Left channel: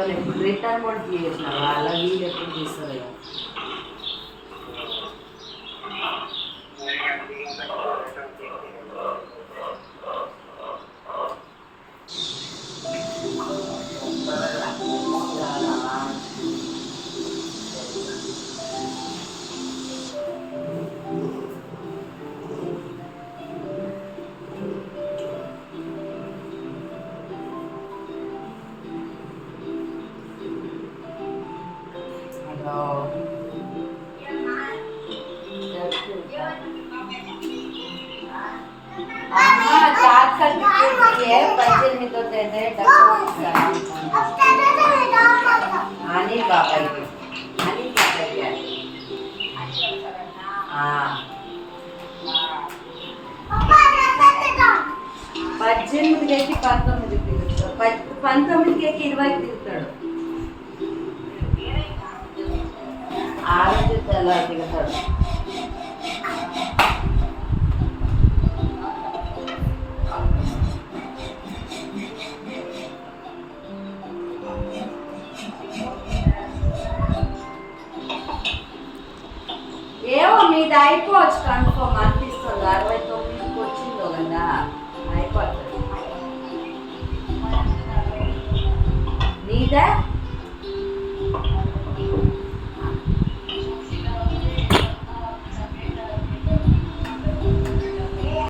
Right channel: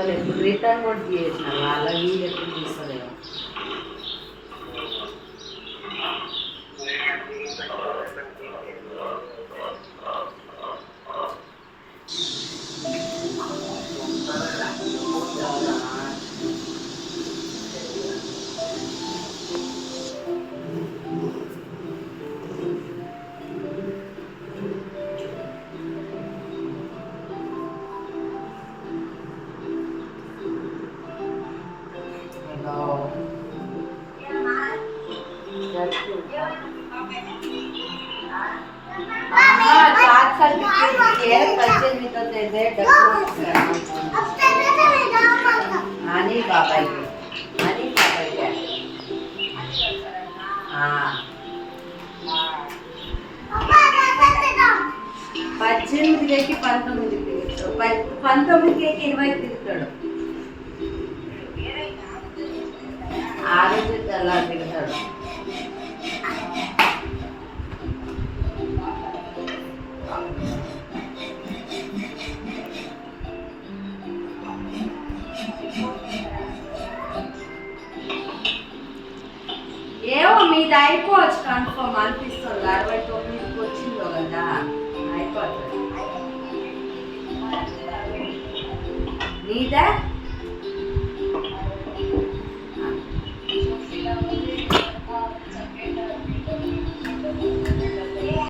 వాళ్ళు ఎప్పుడు రిటర్న్ కూడా చేసినారు వాళ్ళ వీళ్ళు ఎప్పుడు తీసుకోలేదు. అని బాబాయ్కి అని బాబాయ్కి 18 19 తిరుగుతాడు, 19 20 తిరుగుతాడు. ఆ రోజు అలా తిరుగుతాడు. ఏమో మీది అయిపోవచ్చు కన్ఫర్మ్ అనిపిస్తుంది. 69కి వచ్చిందో కదా అయిపోతుంది. నీదా